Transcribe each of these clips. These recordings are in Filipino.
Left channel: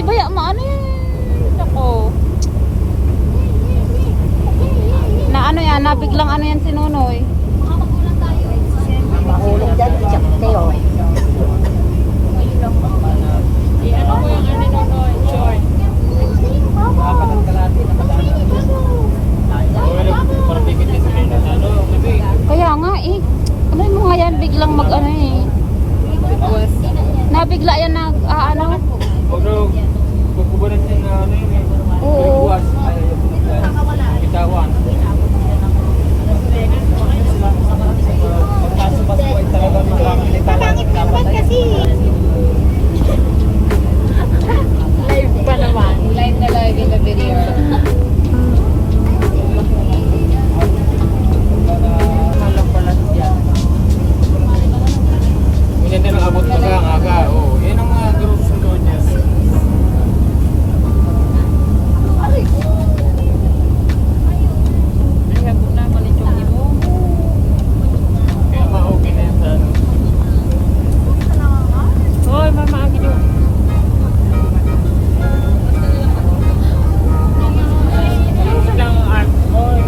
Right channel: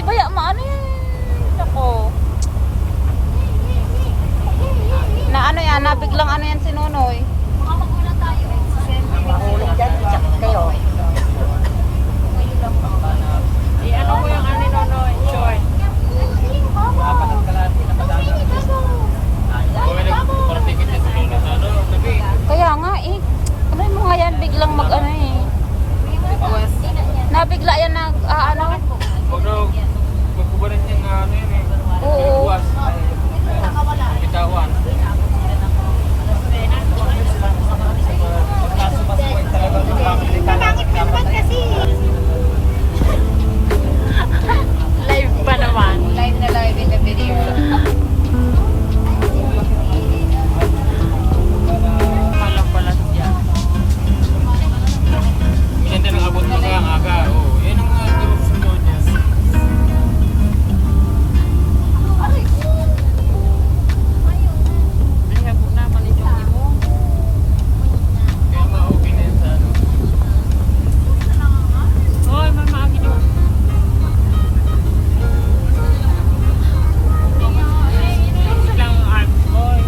Ay, baya, maano yan? Ako. Na ano yan, nabiglang ano yan si Nonoy. Mahulog dyan, check kayo. Kaya nga eh. Ano mo nga yan, biglang mag ano eh. Nabigla yan nag ano. Although, magkubaran din na ano yun eh. Oo. Bitawan. Pangit ka naman kasi. Live pa naman. Live na live yung video. Malang pala siya. Minyan din ang abot na ka ang aga. Oo, yan ang mga group sunod niya. Kaya po na malichong mo. Kaya ma-okay na yan sa ano. Hoy, mamagi nyo. Lang art. Hoy.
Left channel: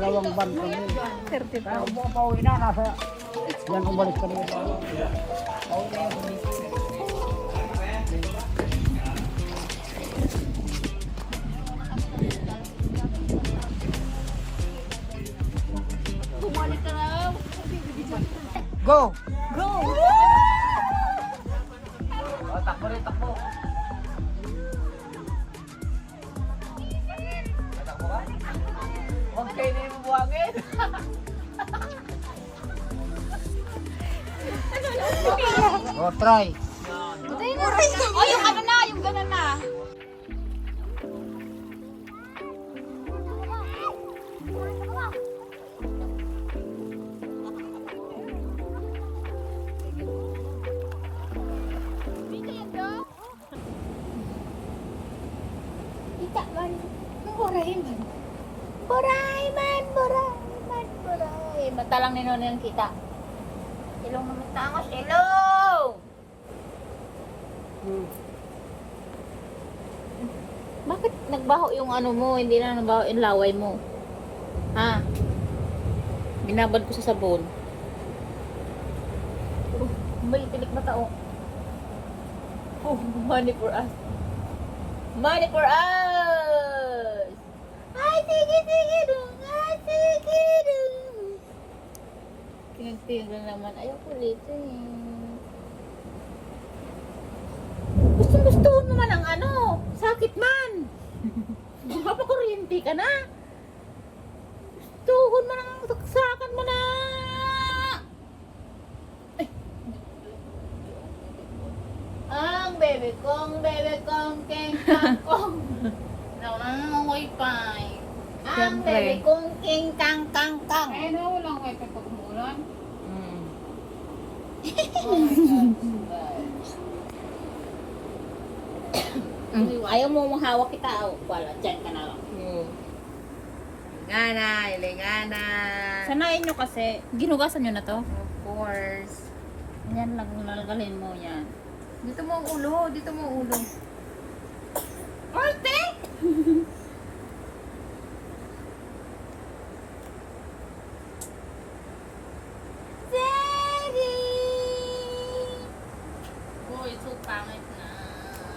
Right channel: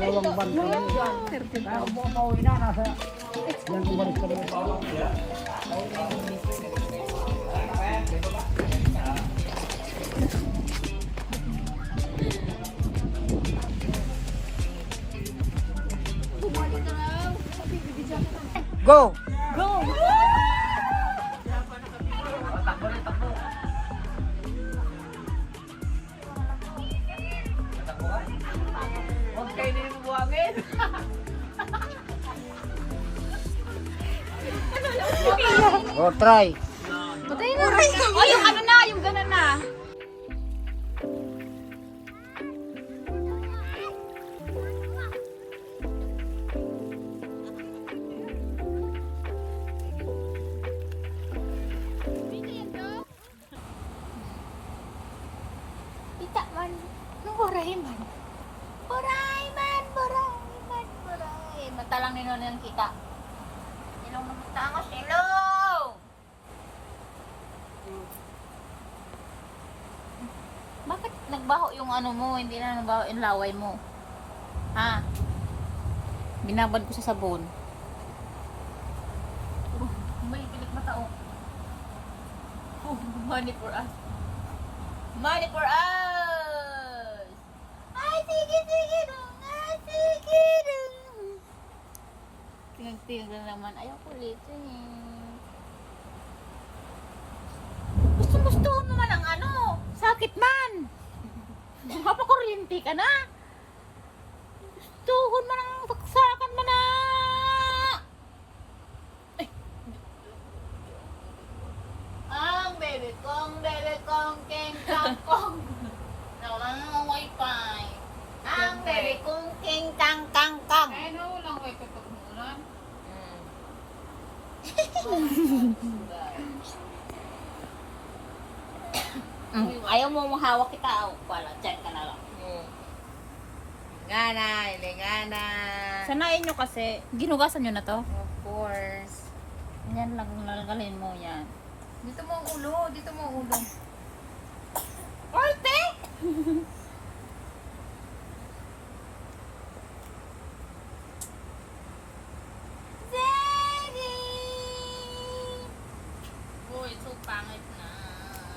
Dalawang ban kami. 35. Kaya kung buong pauwi na, nasa yan umalis kami. Go! Go! Takbo rin, takbo. Huwag kayo din buwangin. Oh, try. Oh, yung ano na, yung gano'n na. Kita man, nung boray man. Boray man, boray man, boray. Mata lang ni Nono yung kita. Ilong naman tangos, ilong! Bakit nagbaho yung ano mo, hindi na nagbaho yung laway mo? Ha? Binabad ko sa sabon. May tilik mata oh. Oh, money for us. Money for us! Ay, sige, sige dong! Ay, sige dong! Tinag-tinag na naman. Ayaw ko ulit eh. Gusto mo man ang ano? Sakit man! Papakuryente ka na! Gustuhon man ang saksakan mo na! Ay. Ang bebe kong keng kang kong nangangangoy pa eh. Ang bebe kong keng kang kang kang. Ay, no, walang wifi pag umuulan. Ayaw mo mahawak kita. Oh, wala, dyan ka na lang. Lingana, lingana. Sanayin nyo kasi. Ginugasan nyo na to. Of course. Yan lang, lalgalin mo yan. Dito mo ang ulo, dito mo ang ulo. Arte! Uy, so pangit na.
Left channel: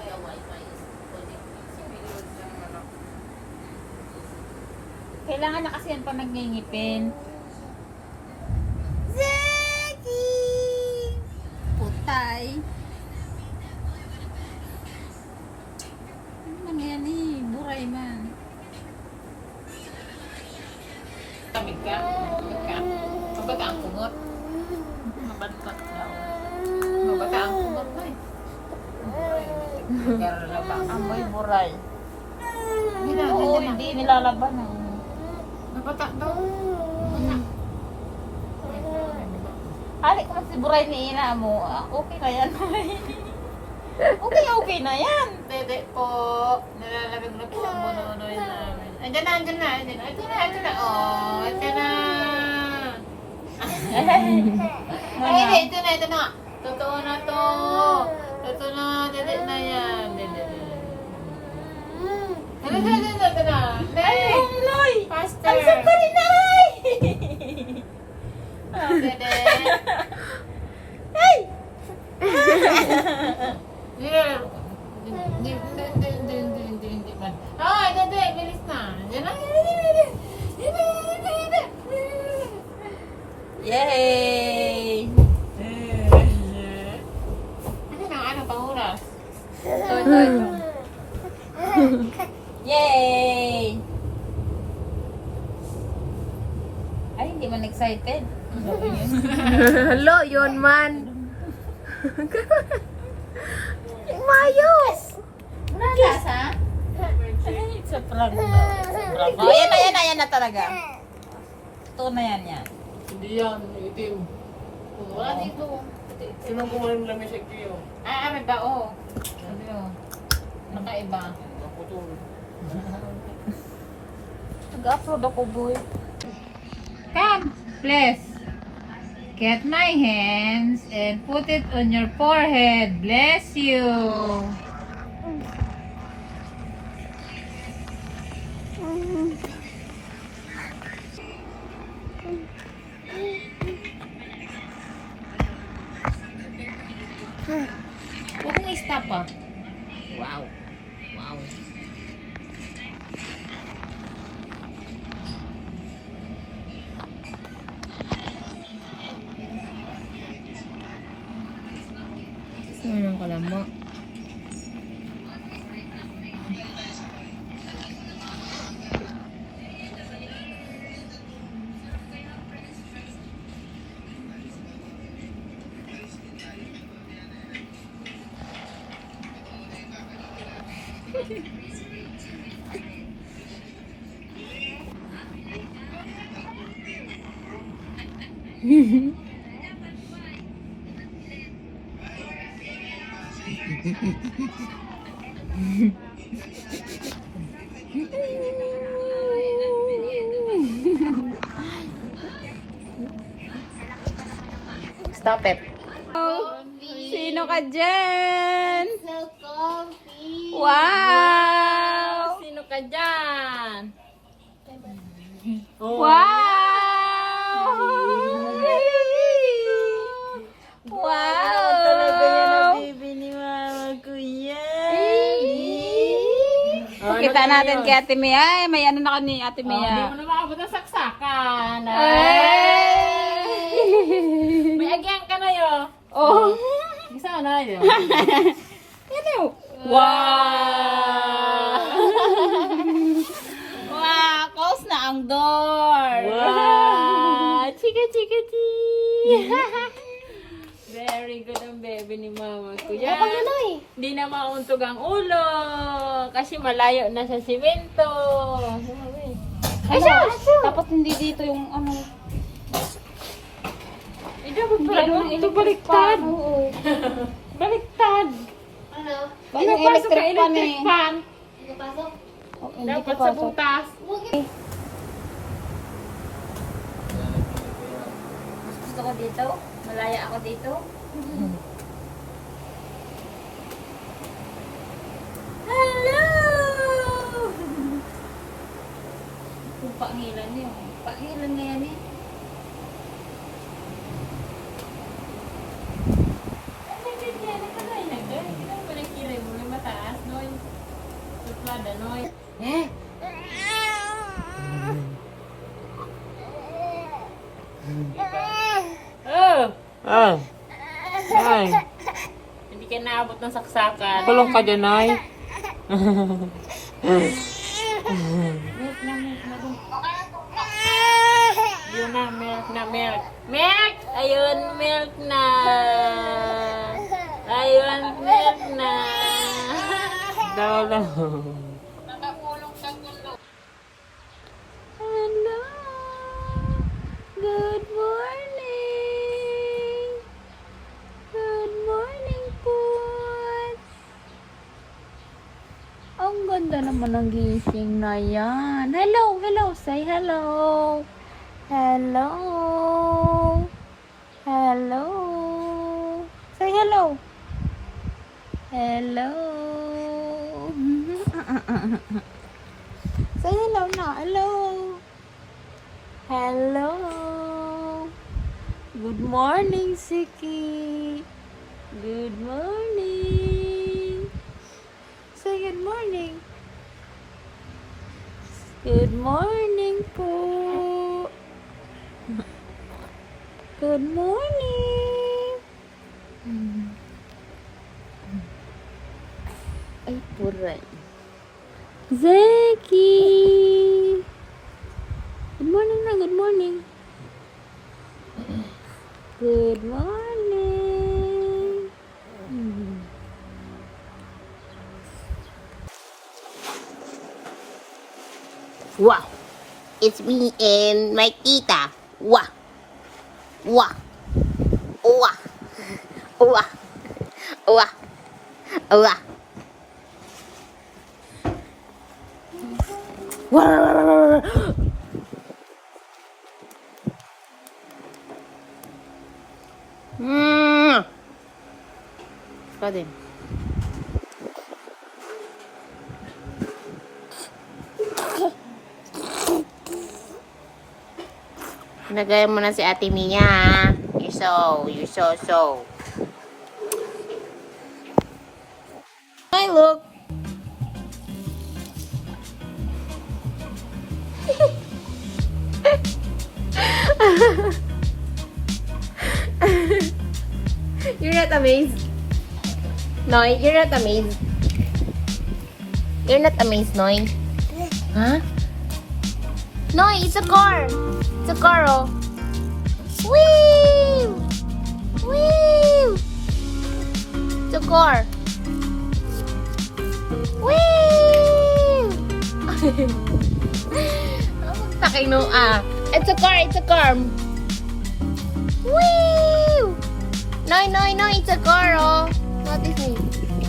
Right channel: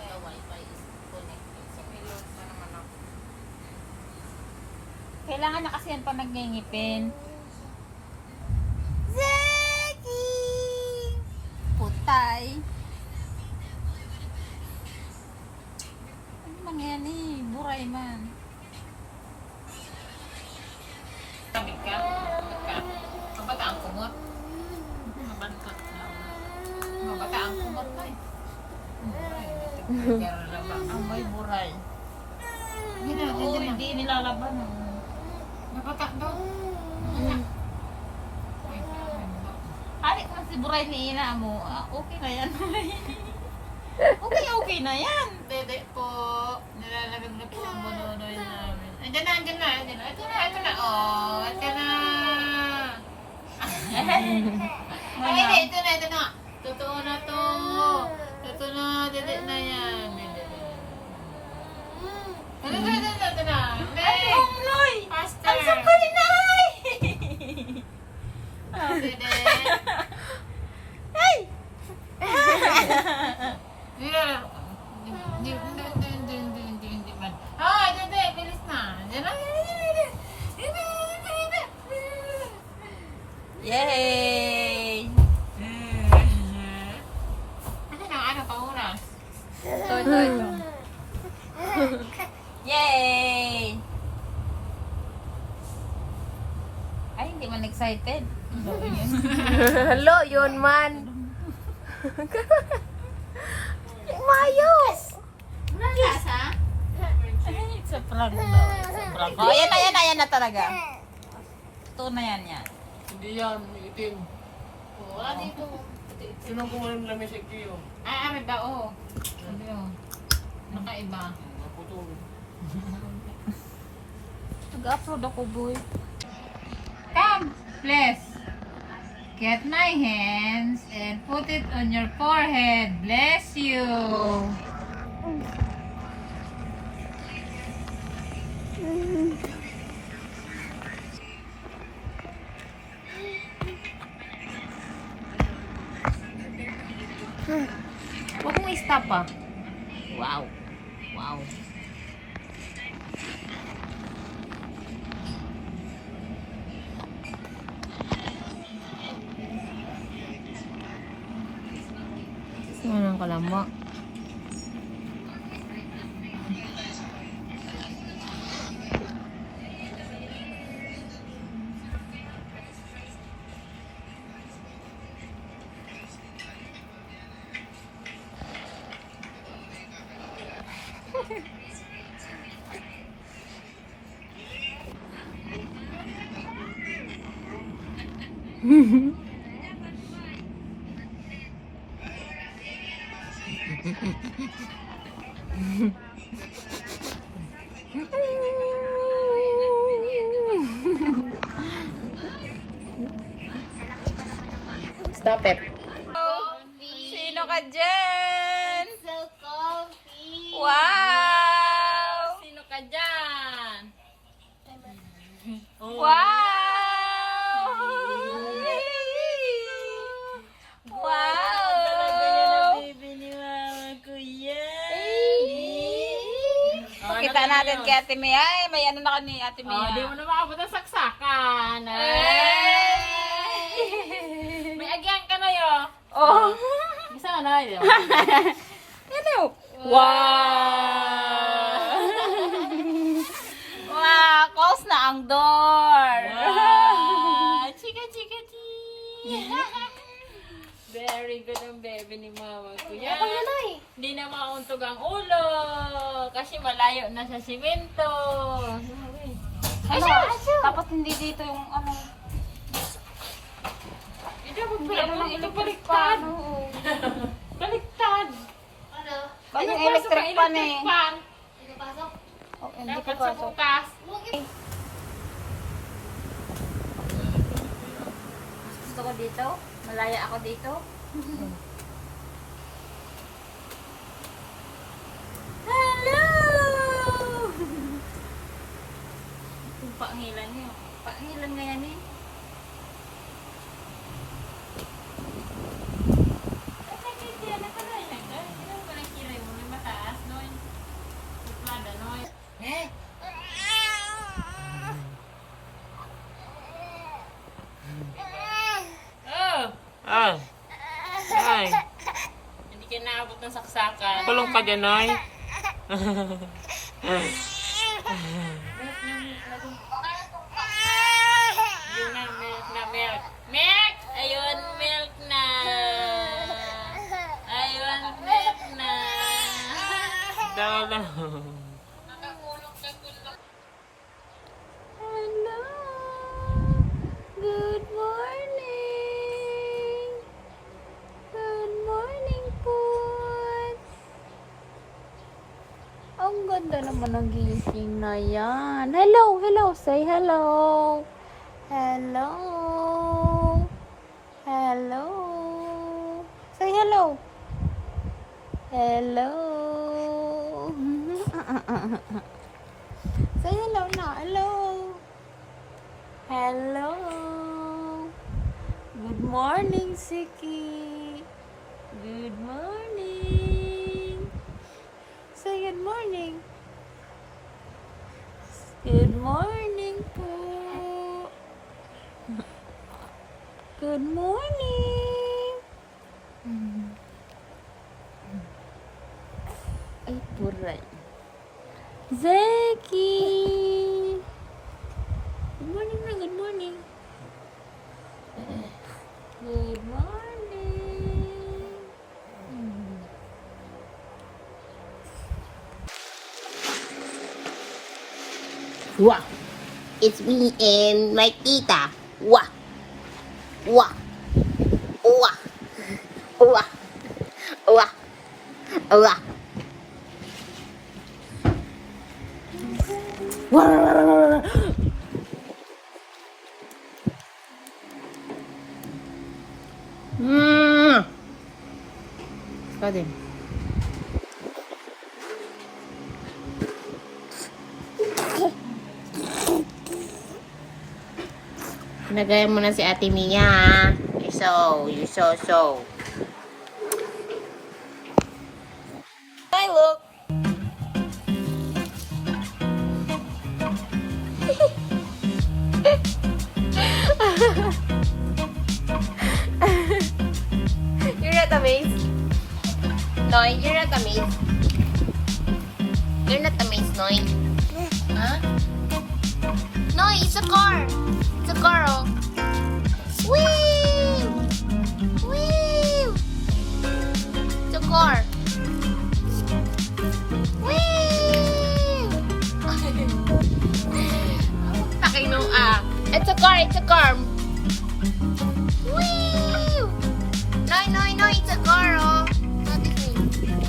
Yung wifi is connected. Si Willows na naman ako. Kailangan na kasi yan pa nagngingipin. Zeki! Putay. buray man. Tabig ka. Mabata ang kumot. Mabantot daw. Mabata ang kumot mo eh. Amoy buray. Hindi na, Oo, hindi na. hindi nilalaban. Mabata daw. Halik naman si buray ni ina mo. Okay na yan. Okay na yan. Dede po. Nalalagag na po ang bununoy namin. Andiyan na. Ito na. Oh, ito na. Ay, ito na. Totoo na to. Ito na, dede na yan. Dede. Ito na. Ay, Noy! Faster. Ang sarap pa rin na, ay! Dede. Ay! Hindi man. Ah, dede, bilis na. Diyan na. Yay! Ano pa oras? Ito. Yay! Ay, hindi man excited. Hello, yun man. Mayos! Nalasa? Sobrang sobrang. Oh, ayan na talaga. Ito na yan. Hindi yan, itim. Wala dito. Sinong kumain ng lamis sa kiyo? Ah, may bao. Sabi mo. Nakaiba. Naputol. Nag-upload ako, boy. Come, please. Get my hands and put it on your forehead. Bless you. Huwag mong i-stop ah. Wow. Ano ka lang mo? Stop it. Sino ka dyan? So comfy. Wow! Sino ka dyan? Wow! Wow! Talaga yan ang bibi ni Mama ko yan. Kita natin kay Ate Mia. Ay, may ano na ka ni Ate Mia. Hindi mo na makabot ang saksakan. May agyang ka na yun. Oh! Isa na yun. Ano? Wow! Wow! Close na ang door! Wow! Chika. Very good ang baby ni Mama ko. Yan. Hindi na mauntog ang ulo. Kasi malayo na sa simento. Ay, Dapat hindi dito yung ano. ito baliktad. Baliktad. Ba yung electric pan eh. Fan. Oh, hindi Dapat pa sa butas. Mas gusto ko dito. Malaya ako dito. Hello! Kung pangilan niyo. Pangilan na yan eh. Ay, Hindi ka naabot ng saksakan. kulong ka dyan, ay. Yun na, milk na, milk. Milk! Ayun, milk na. Ayun, milk na. Dolo. Hello. Good morning. Good morning po. Ang ganda naman ng gising na yan. Hello, hello. Say hello. Hello. Hello. Say hello. Hello. Say hello na. Hello. Hello. Good morning, Siki. Good morning. Say good morning. Good morning po. Good morning. Ay, puray. Zeki. Good morning na, good morning. Good morning. Wow, it's me and my tita. Wow, wow, wow, wow, wow, wow. Pwede. Nagay mo na si Ate Mia, ha? You're so. Hi, look. You're not amazed? Noy, you're not amazed? You're not amazed, Noy? Huh? Noy, it's a car! It's a car, oh. Whee! Whee! It's a car. Whee! Pakino, it's a car, it's a car. Whee! No, it's a car, oh.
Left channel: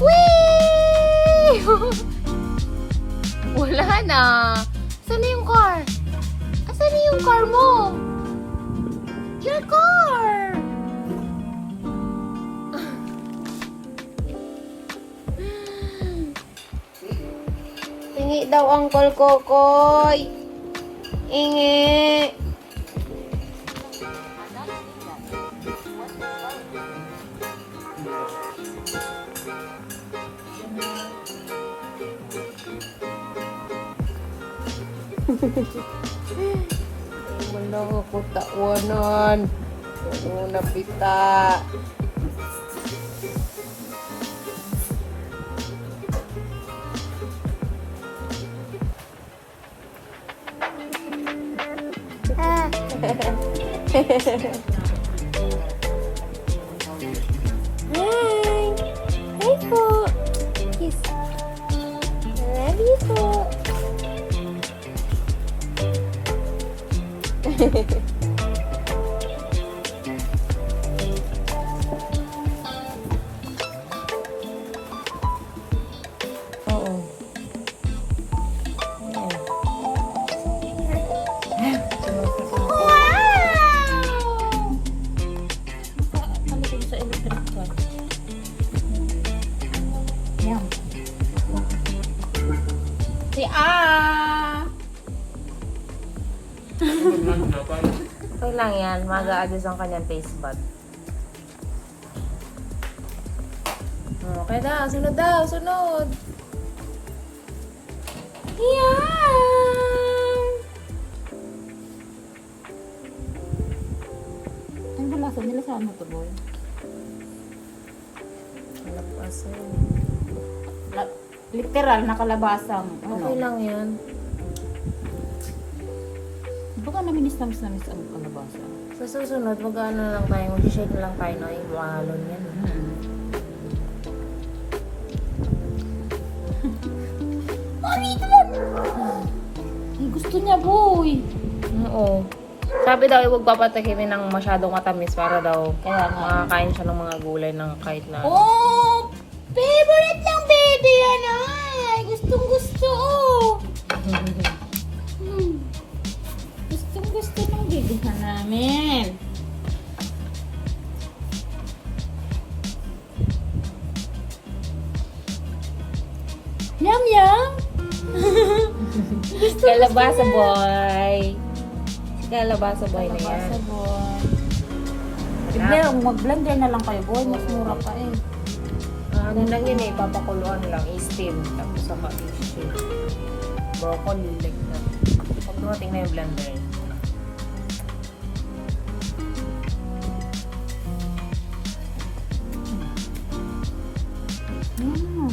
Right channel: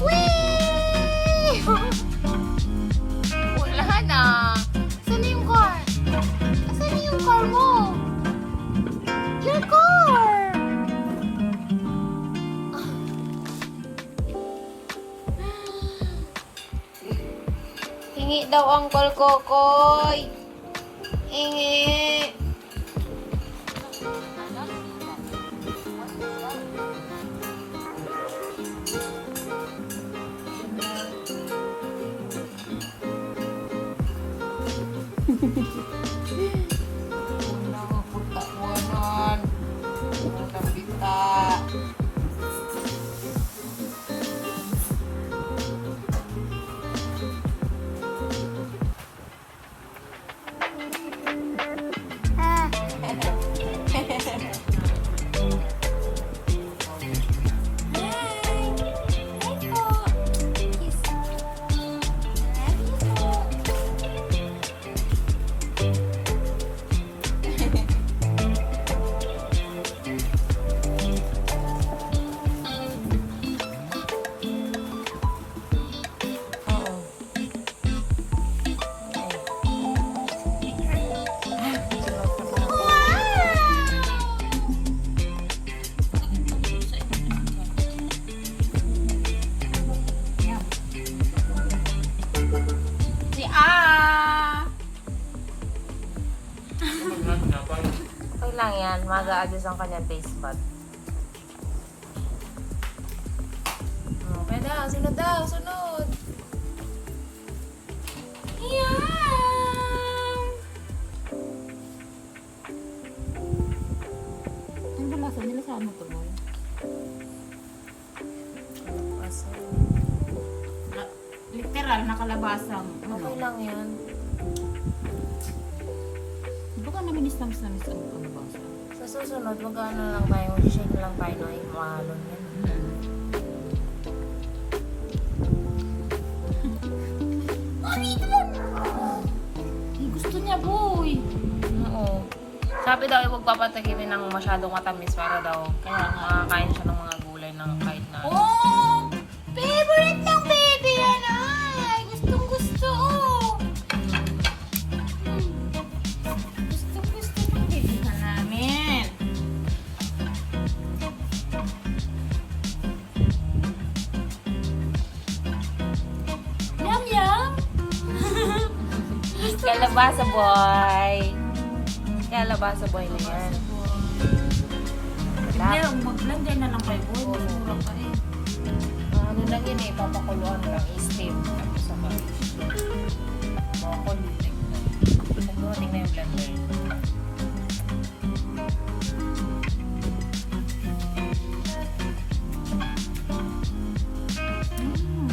Whee! Wala na. Saan na yung car? Saan na yung car mo? Your car! Tingi daw ang Kokoy. Ingi. Wala ko kutawanan. Wala pita. Hi! Hi po! Kiss. Love you po. Si ito lang yan. Mag-a-adjust ang kanyang taste bud. Okay na. Sunod daw. Sunod. Yan! Ang balasa nila sa ano to, boy? Literal, nakalabasang ano. Okay lang yan. namimiss ang kalabasa. Sa susunod, mag-ano lang tayo, mag-shake lang tayo ng yung alon yan. Eh, gusto niya, boy. Oo. Sabi daw, huwag papatakimin ng masyadong matamis para daw Kaya nga. makakain siya ng mga gulay ng kahit na. Oh! Favorite ng baby yan, ay! Gustong gusto, oh! Gustong gusto ng baby na namin. Yum, yum! Kalabasa boy! Kalabasa boy na yan. Kalabasa, boy. Blender, mag-blender na lang kayo, boy. Mas mura pa eh. Ang ganda yun eh, papakuluan lang, i-steam. Tapos sa mag-issue. Broccoli. Pagmamating na yung blender. Mm.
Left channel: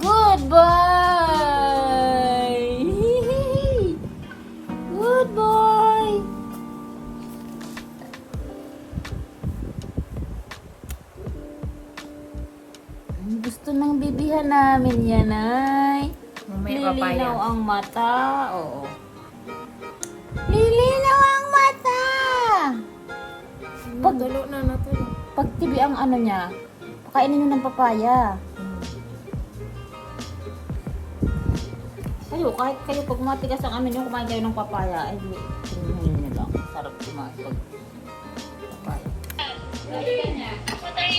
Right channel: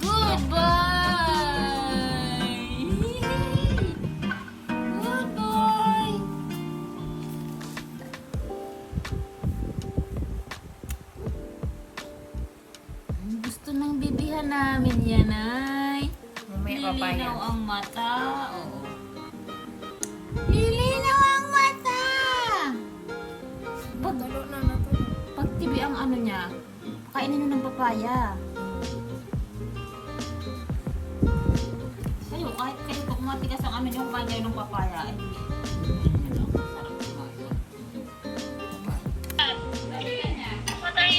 Good boy! Good boy! Gusto ng bibihan namin yan, ay. May Lilinaw papaya. ang mata. Oo. Lilinaw ang mata! Pag, Galo na natin. pag tibi ang ano niya, pakainin nyo ng papaya. Kayo, kahit kayo pag matigas ang ano nyo, kumain kayo ng papaya, ay hindi nyo lang. Sarap kumain.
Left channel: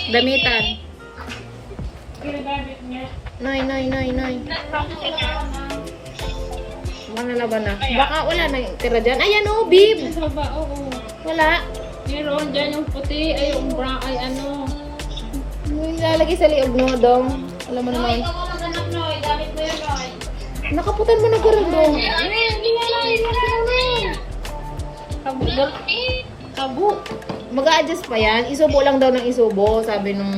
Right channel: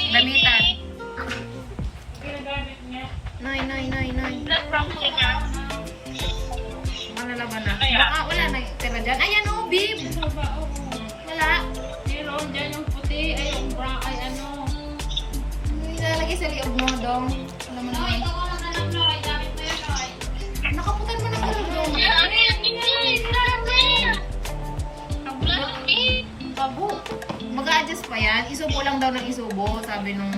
Damitan. Noy. Ano na ba na? Baka wala na tira dyan. Ayan o, bib! Wala. Meron dyan yung puti, ay yung brown, ay ano. Ilalagay sa liog mo, dong. Alam mo naman. Nakaputan mo na karang dong. Tabu. Mag-a-adjust pa yan. Isubo lang daw ng isubo. Sabi nung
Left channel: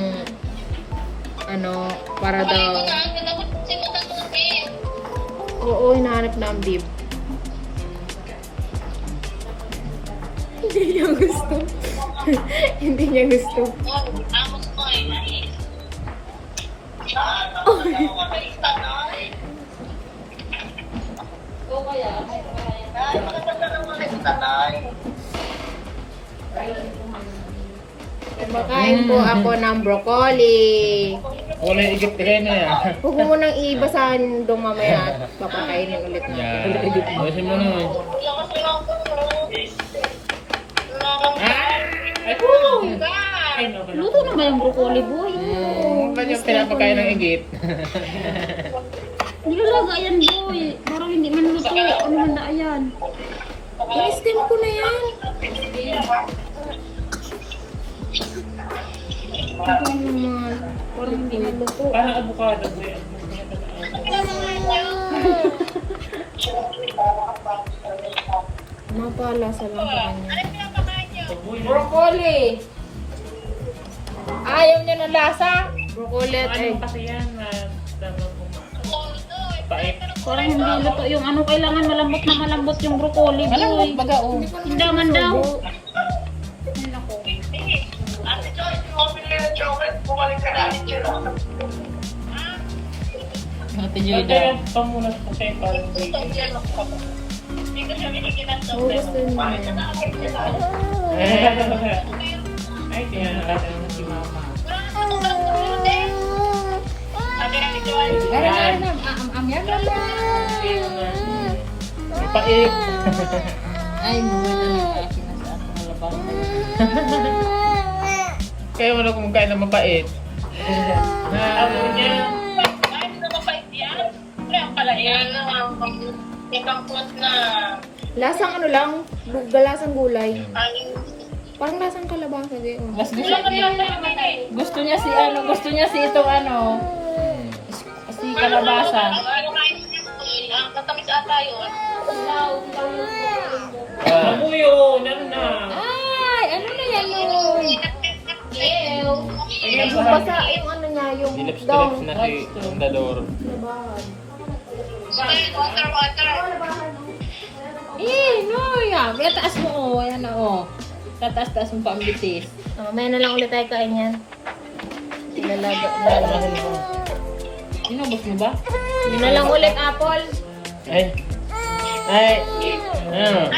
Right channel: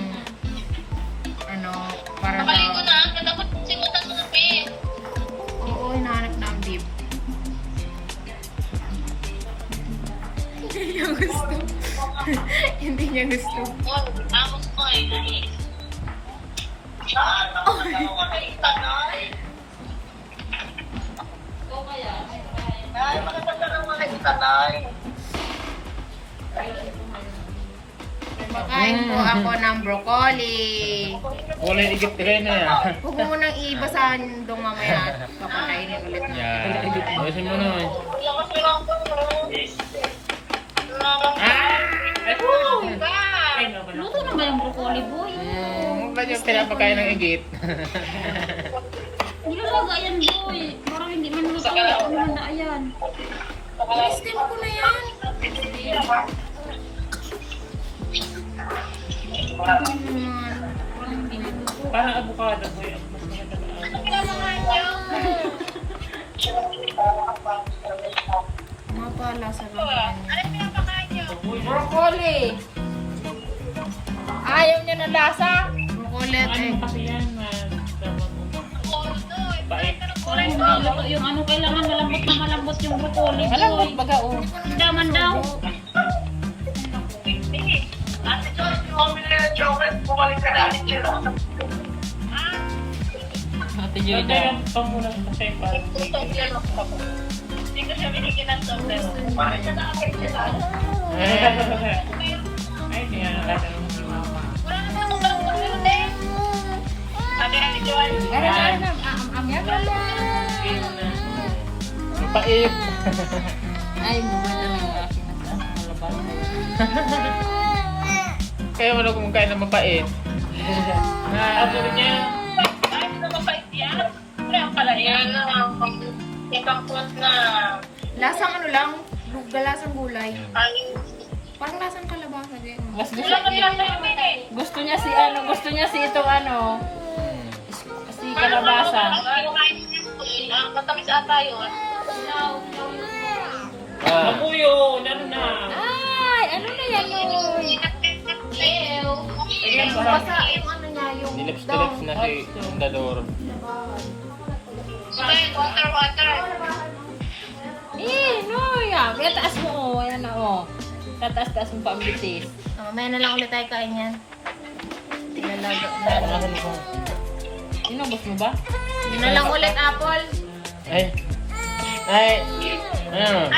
ano, para daw. Oo, hinahanap na ang bib. Hindi niya gusto. Hindi niya gusto. Kumakain po ako ng broccoli. Wala yung Egypt kayo na yan. Huwag mo munang iibasahan dong mamaya at papakainin ulit natin. Ayusin mo na. Luto na ba yung broccoli, boy? Ganyan sila pagkain ng Egypt. Nilalaga yan, boy. Parang hindi man luto. Ano man na yan? I-steam ko na yan. Ito naman. Wala hindi luto. Parang avocado po yan. Mapalasa lang sa kanya. Broccoli! Ayaw niya ng lasa? Broccoli at egg. Parang hindi luto yung ano. Kailangan malambot yung broccoli, boy. Malambot baga o. Hindi man daw. Natin yun na. Gusto niya Pait. Ay, nawala Kaya mo na kumakain ng mapait. Lasang ano lang, lasang gulay. Parang lasang kalabasa din. Mas gusto niya si ano, gusto niya si itong ano, si kalabasa. Ako yun, ano na? Ay, ano na yan nun? Basta yung ano niya, yung down. Na si Dador. Eh, no! Kaya taas mo, oh. Ayan na, oh. Tataas-taas mo pa ang bitis. Mamaya na lang ulit tayo kain yan. Ilalaga. Inubos mo ba? Yun na lang ulit, Apple. Ay. Ay. Ano?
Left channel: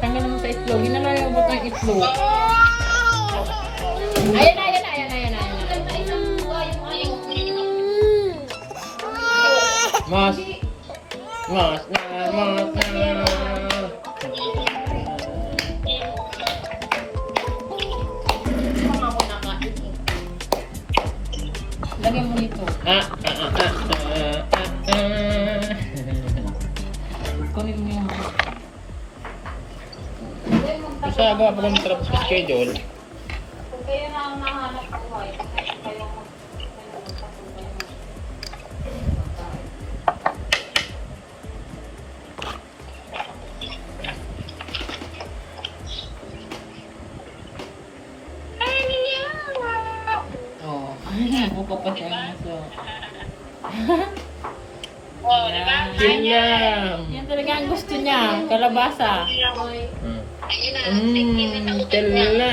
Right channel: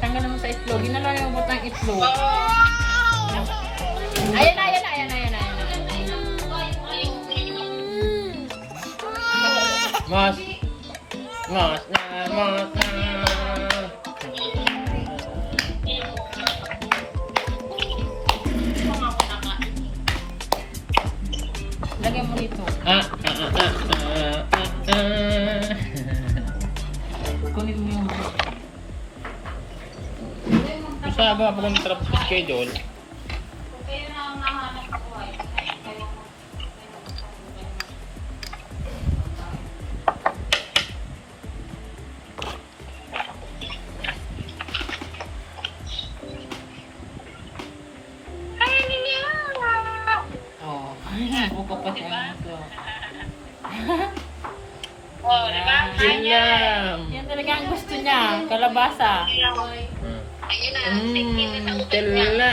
Tanggal mo sa itlog. Hindi na lang yung butang itlog. Ayan na. Mas. Lagyan mo nito. Kunin mo yung... Basta agawa pa lang sarap sa schedule. Kaya na ang nahanap ko ay oh, buka pa siya nito. Silam. Yan talaga ang gusto niya, kalabasa. Tala.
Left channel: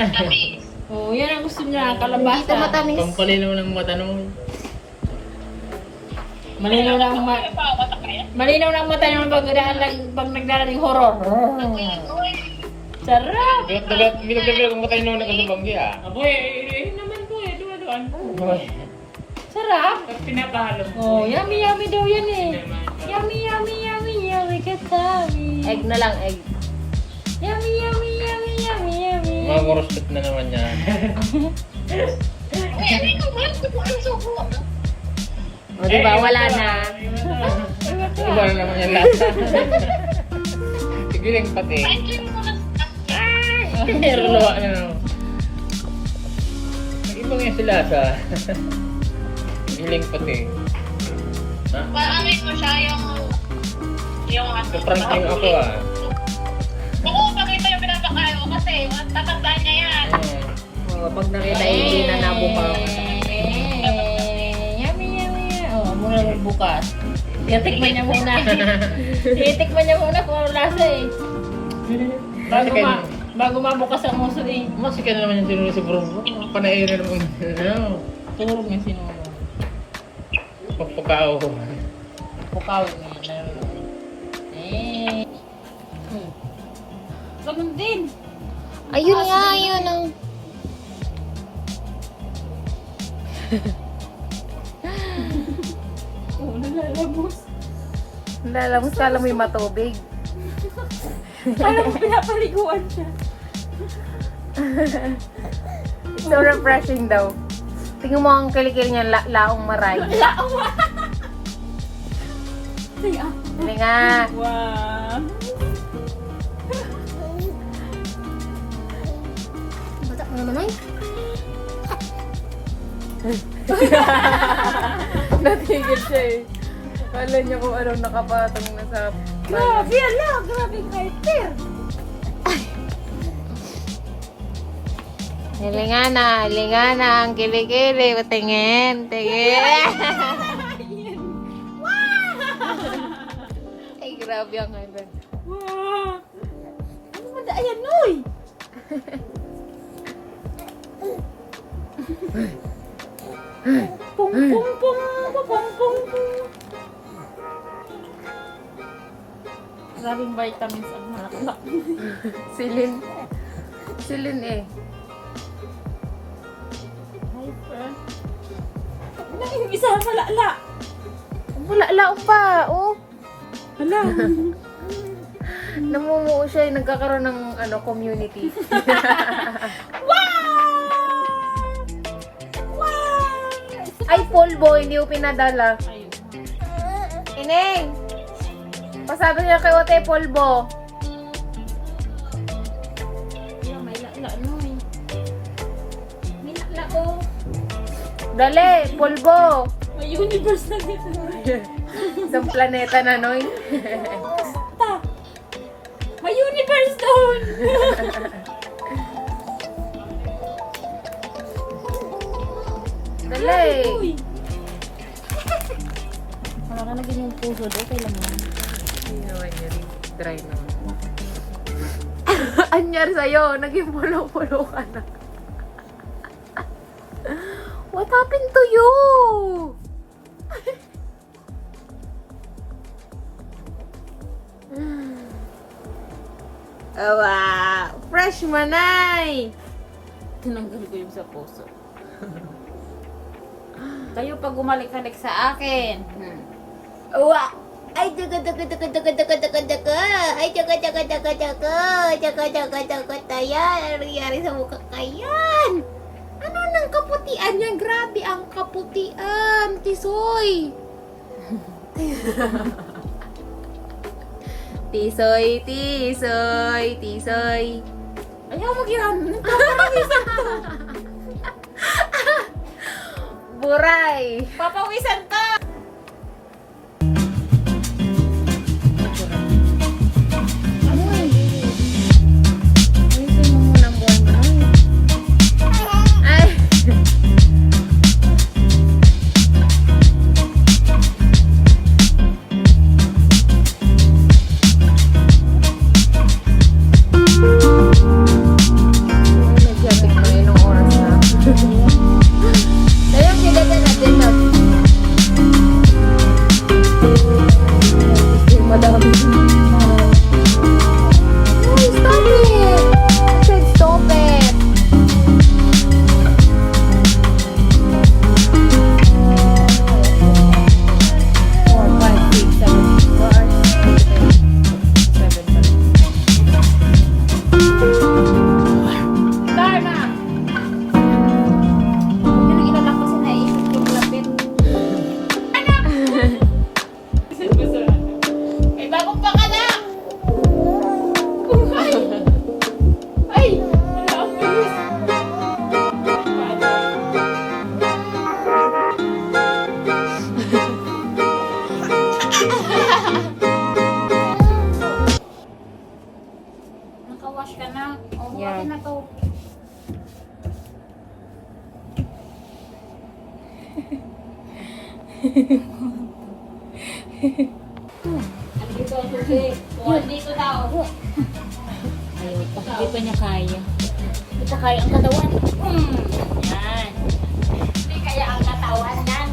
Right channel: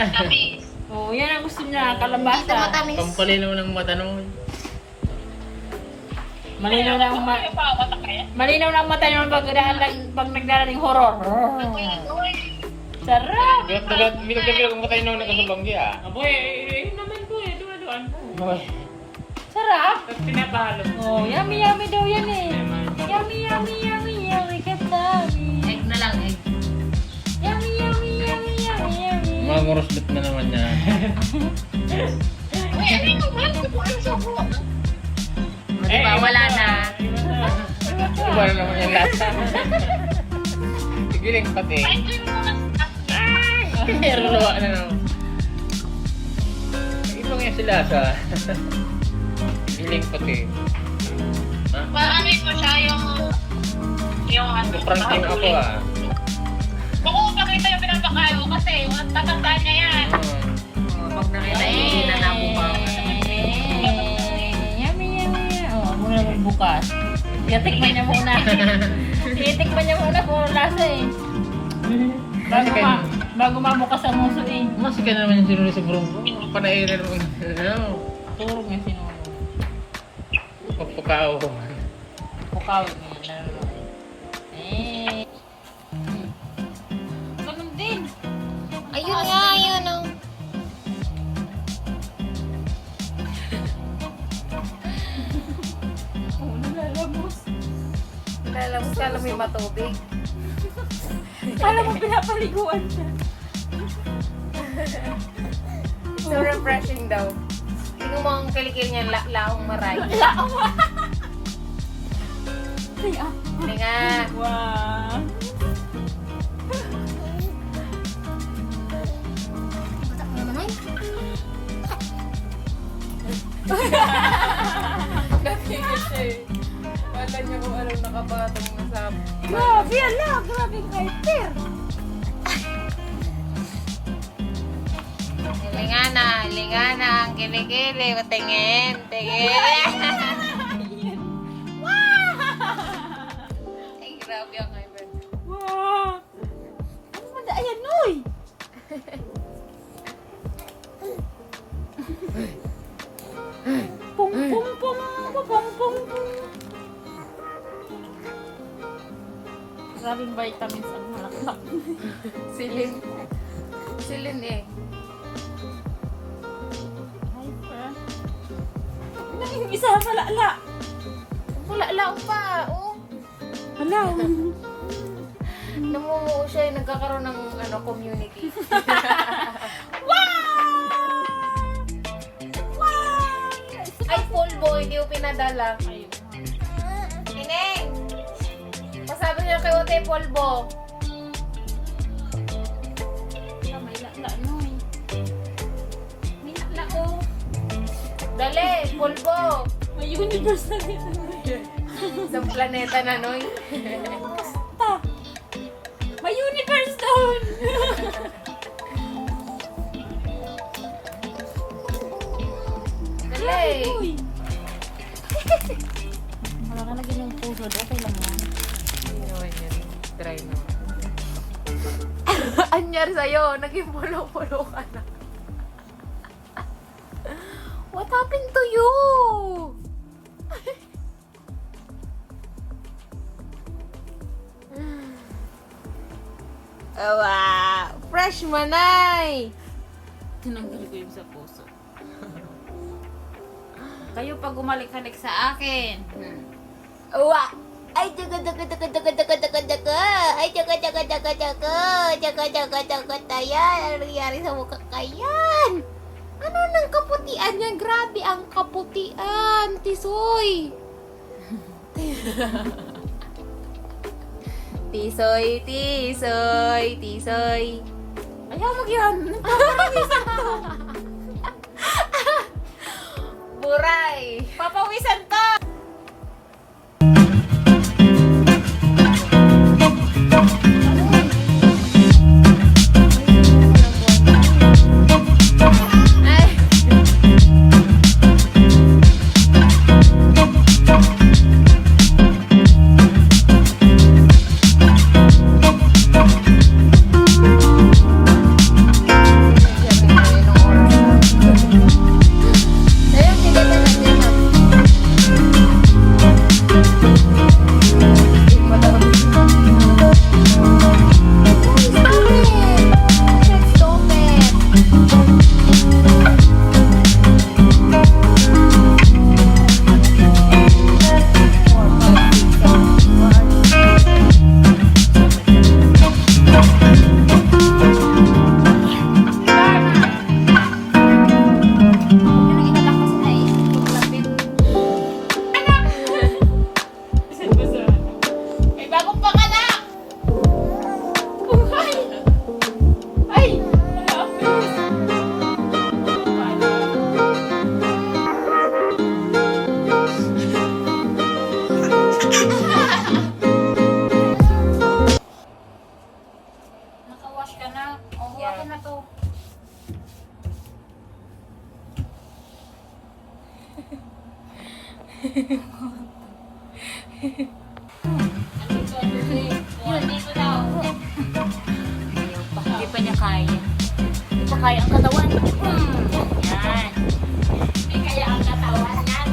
Oh, yan ang gusto niya, Dito kalabasa. matamis. Pampalinaw ng mata nung... Malinaw na ang malinaw na ang mata ng pag nagdarating horror. Sarap! Hindi ko talaga kumatay nung nakasabanggi ah. Aboy, naman po eh, dumadaan po. Sarap! Pinapahalo. Oh, yummy yummy daw yan eh. Yummy katami. Egg na lang, egg. Yummy. Mga moruspit na naman niya. O, diba? Wala na. Wala naman yung lasa. Sige lang pati. Pero luwa na naman. Ito nga si lasa. Sige lang pati. Marami pa siya yung Sobrang ano ako ah. Oo, pakita yung pinapakain ko kasi tatandaan niya yan. O, pag nakita, hindi na nabukaw. Yummy. Oh, muna magbukas. Tikman niya muna. Tikman niya muna kung ano lasa eh. Bago mabukas ang muso eh. Mas ka na naman yung sinusuburong ko. Panairan mo yung Turog yung sinulong. pagpakao ko. Bukaw mo na. Eh. Ganun din. Ayun nga, ayun ang... Oh, nalalabos. Lalabos ka lang may matubig. Alam mo, pinapaliguan siya. So refreshing daw. Tingnan mo ang kilikil niya, laong maray. Hindi nga. Wow. Bata ko naman ay. Natigil siya eh. Wala niya kung anong nakapatong na sa... Grabe, ala! Grabe yung hyper! Lingana, ang kilikili. Tingin. Ay, grabe ang hyper. Wow! Ano mo da? Ayan, Noy! Pum, pum, pum, pum, pum, pum. Maraming vitamins ang halaklak. Silin eh. Hyper. Ano yung isa? Malala! Wala, lao pa. Oh. Hala! Namumuo siya. Nagkakaroon ng community. Ay, polvo. Hindi ko pinadala. Ayun. Ineng! Pasabi niya kay Ote, polvo. Wala, may lala, Noy. May lala, oh. Dali, polvo. May universe na dito. Isang planeta na, Noy. Ta! May universe doon! Dali. Wala Nalagyan yung puso doon. Okay lang yan. Hindi naman yun. Dry naman. Anyar sa'yo, naging pulo-pulo ka na. What happened to you? Awa! Fresh manay! Tinanggal ko yung sa puso. Kayo pag gumalik-halik sa akin. Uwa! Ay, jaga. Ay, jaga. Tayan. Ano nangyari sa mukha kayan? Ano nang kaputian yan? Grabe ang kaputian, Tisoy. Tisoy, tisoy, tisoy. Ayaw mo yan. Buray! Papawisan to! Ay! Ay, bagong panganak! Ay! Nakawash ka na. O, huwakin na to. Yun, dito daw. Ayaw pa. Hindi pa niya kaya. Hindi pa kaya ang katawan. Yan. Hindi kaya ang katawan yan.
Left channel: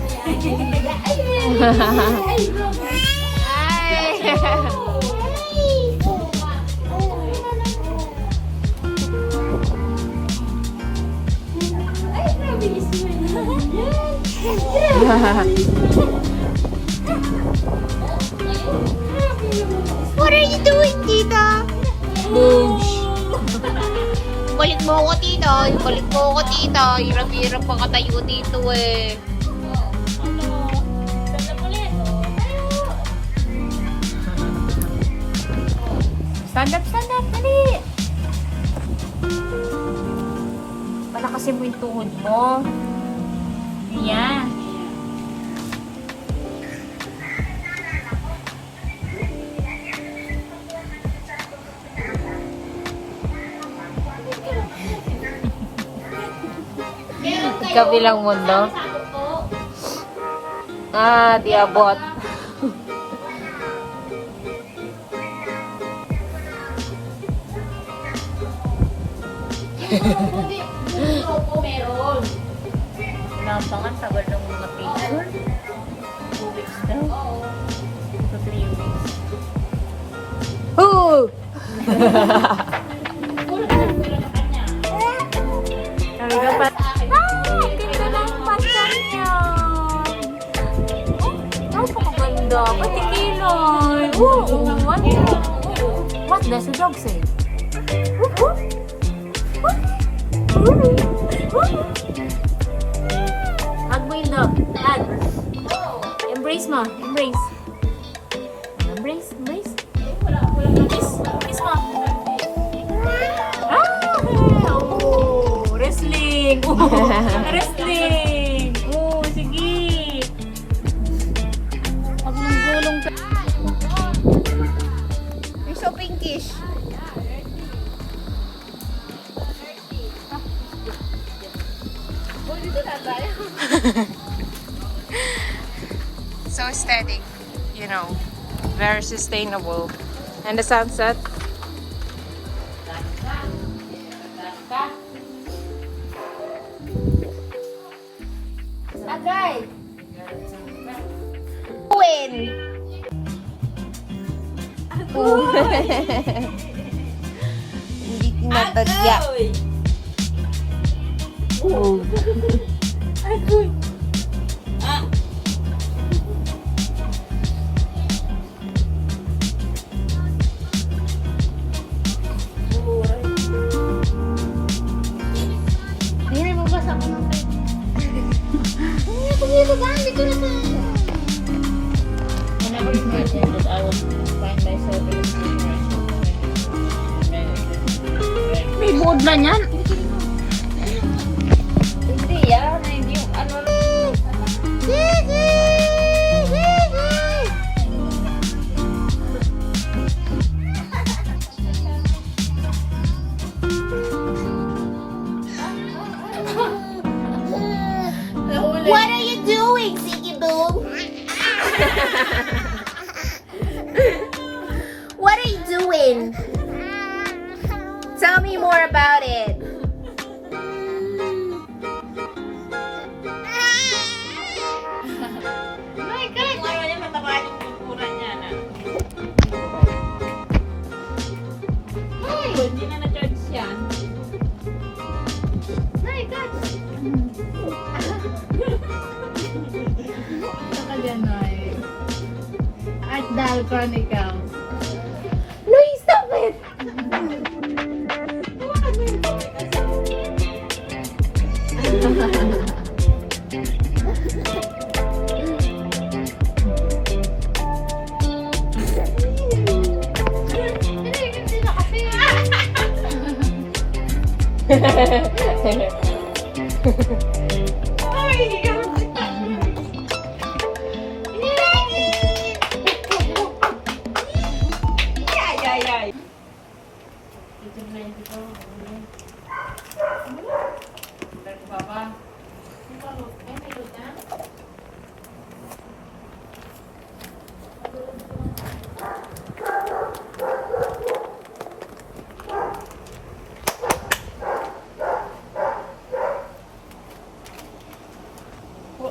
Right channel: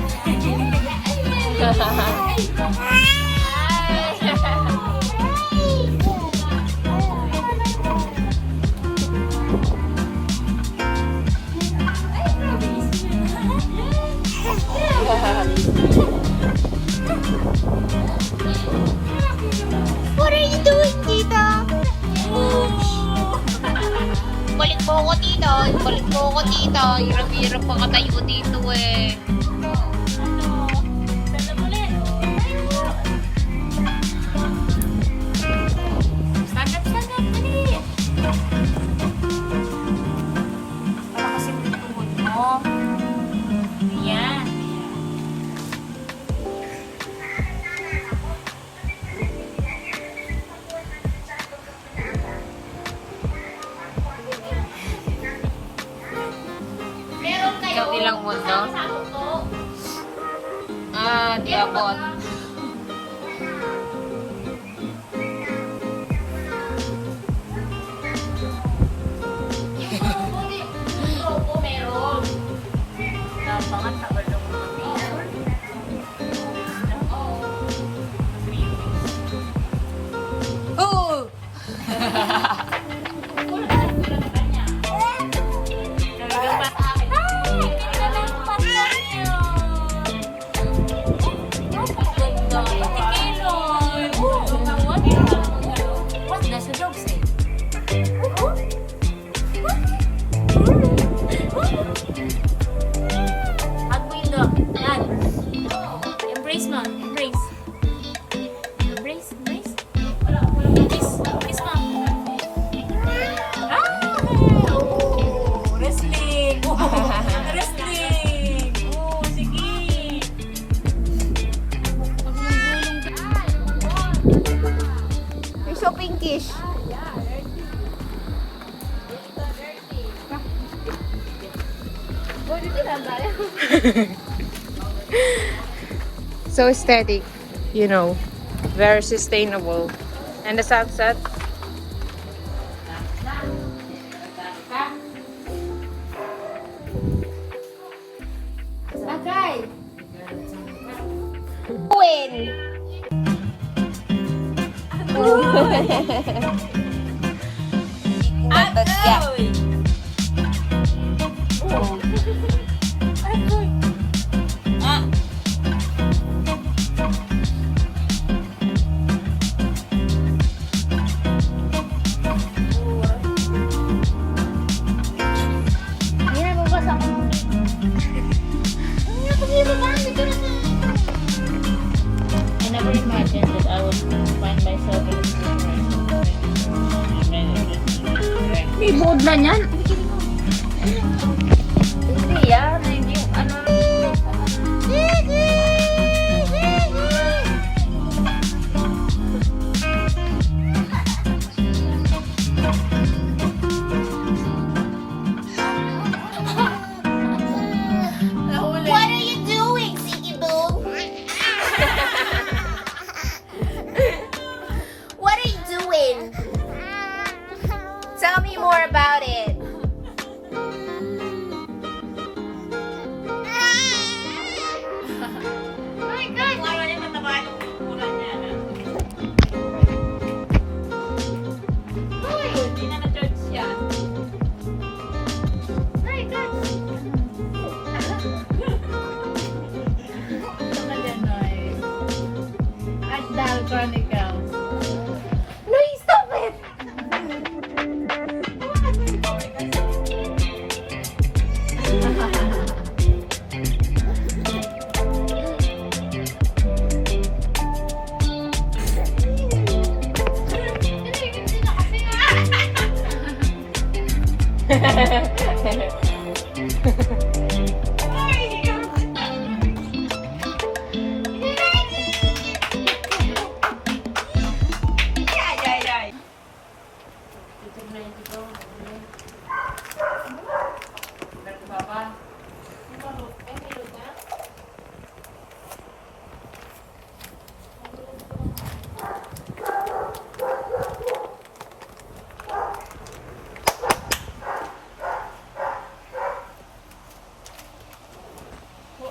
What are you doing, Tita? Kulit mo ako, Tita. Kulit mo ako, Tita. Hirap-hirap makatayo dito eh. Stand up, dali. Para kasi mo yung tuhod mo. Yan. Kabilang mundo. Ah, di abot. Napangan, tagal ng mga picture. Hoo! What's that sa dog say? Hug mo yun dog. Hug. Embrace mo. Embrace. Embrace. Embrace. Embrace. Embrace mo. Ah! Wrestling. Wrestling. Oh, sige. Pag nang ka. You're so pinkish. So aesthetic. you know, very sustainable. And the sunset. Agay! Hindi na bukas ako. Hindi na pag-ibig ang dito na sa... I never imagined that I would find myself in this situation. May board na yan. Hindi yan. Hindi yung ano. What are you doing, Ziggy Boo? What are you doing? Tell me more about it. My God! Hindi na na-charge yan. My God! At Dal Chronicles. No, stop it!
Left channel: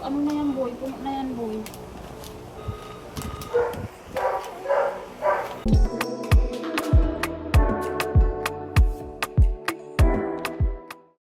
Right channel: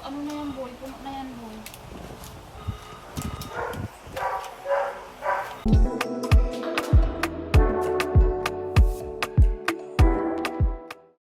Ano na yan, boy? Puno na yan, boy.